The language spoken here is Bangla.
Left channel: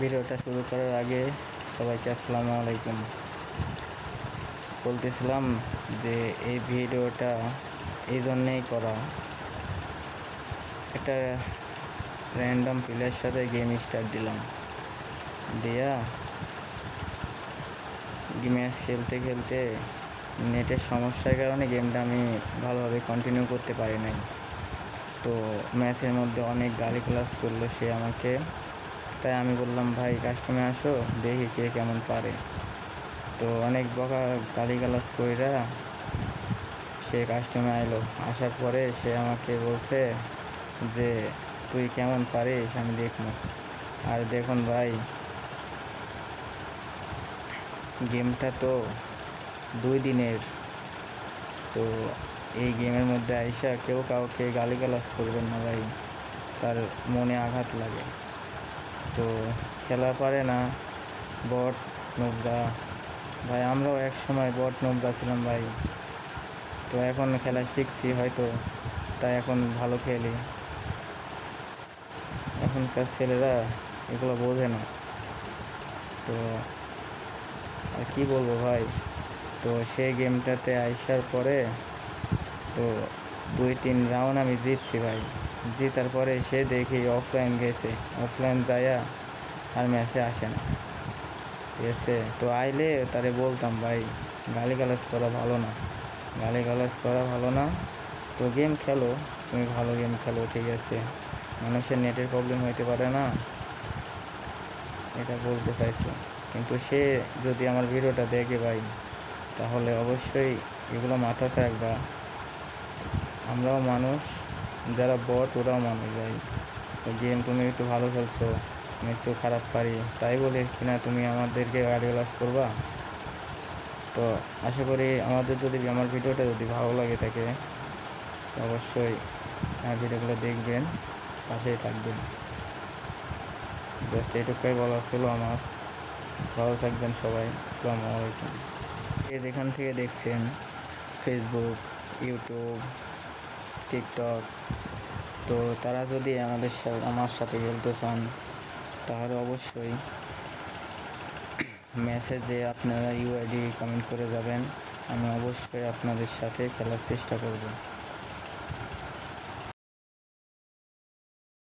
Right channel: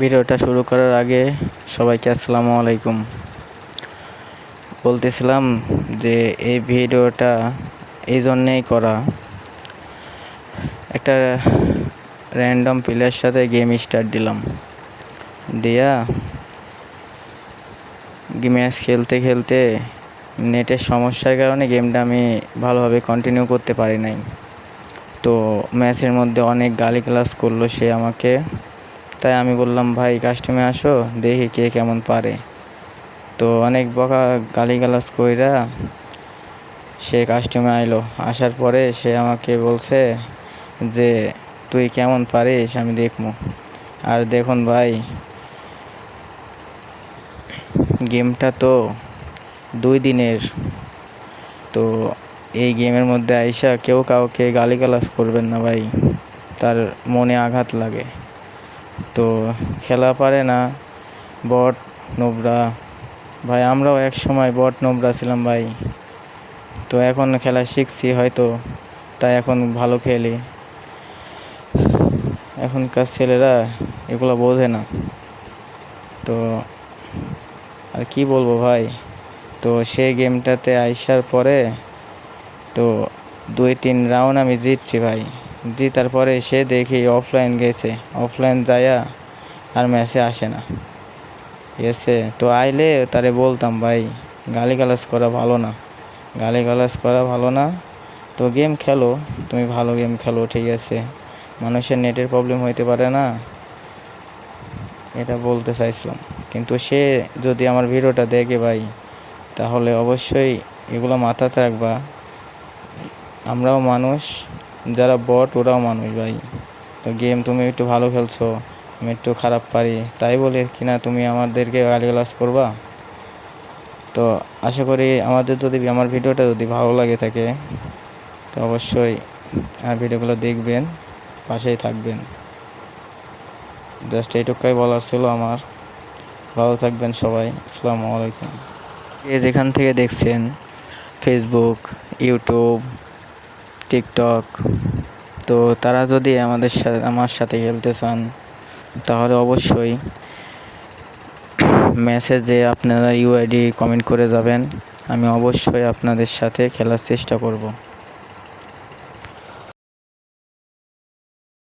ভিডিওটা শুরু করার আগে সবাইকে আসসালামু আলাইকুম। বলতেছিলাম যে এই ভিডিওটা এই জন্যেই করা, একটা র্যান্ডম প্লেয়ারের সাথে গেম স্টার্ট দিলাম, দিয়া ম্যাচ খেলতে খেলতে নেটের সমস্যার কারণে গেমটা আমি ভালোভাবে কন্টিনিউ করতে পারি নাই। তো ম্যাচের মধ্যে অনেক গালিগালাজ করলো সে আমাকে, তাই আমি বললাম ভাই কাস্টমে আসো দেখি কে কেমন পারে। তো অনেক বকা গালিগালাজ কইরা সে কাস্টমে আইলো। আসার পরে সে আমাকে বলছে যে তুই কেমন পারিস আমি দেখবো। আর দেখুন ভাই, গেমটা তো 2 দিনের, তো এই গেমের মধ্যে আইসা কেউ কাউকে গালিগালাজ করবেন না ভাই, তার মনে আঘাত লাগে। তো খেলা পারে না, বট নোবরা ভাই, আমরাও এক সময় বট নোবরা ছিলাম ভাই। তো এখন খেলা শিখছি হয়তো, তাই এখন ভালো খেলি। এখনকার ছেলেরা এগুলো বোঝে না। তো আর কি বলবো ভাই, তো সেই গেমটাতে আইসার পরে তো 2-3 রাউন্ড আমি জিতছি ভাই। জিতার পরে সে দেখি অফলাইন গেছে, অফলাইন যায়া আর ম্যাচে আসে না। ঠিক আছে, তো আইলে তারে বলতাম ভাই গালিগালাজ করা ভালো না, গালিগালাজ করা ভালো না। তো গেম খেলো, তুমি ভালো গেম খেলো, ঠিক আছে, মানুষের নেটের প্রবলেম হইতে পারে না, এটা বলতে চাইছিলাম। কিন্তু সে যদি আমার ভিডিওটা দেখে ভাই, তাহলে অবশ্যই এগুলো মাথাতে রাখবা। আমরাও মানুষ, যারা বট ওরাও মানুষ ভাই। তো গেম তুমি একটু ভালো খেলছো, আমি একটু খারাপ পারি, তাই বলে কিনা তুমি আমাদেরকে গালিগালাজ করবা? তো আশা করি আমার ভিডিওটা যদি ভালো লাগে থাকে, তো অবশ্যই ভিডিওগুলো দেখবেন, পাশেই থাকবেন। জাস্ট এইটুকুই বলার ছিল আমার। ভালো থাকবেন সবাই, আসসালামু আলাইকুম। যেখান থেকে দেখছেন, ফেসবুক, ইউটিউব, টিকটক, তো তারা যদি আমার সাথে খেলতে চান, তাহলে অবশ্যই মেসেজে আপনারা ইউআইডি কমেন্ট করে যাবেন। আমি অবশ্যই আপনাদের সাথে খেলার চেষ্টা করব।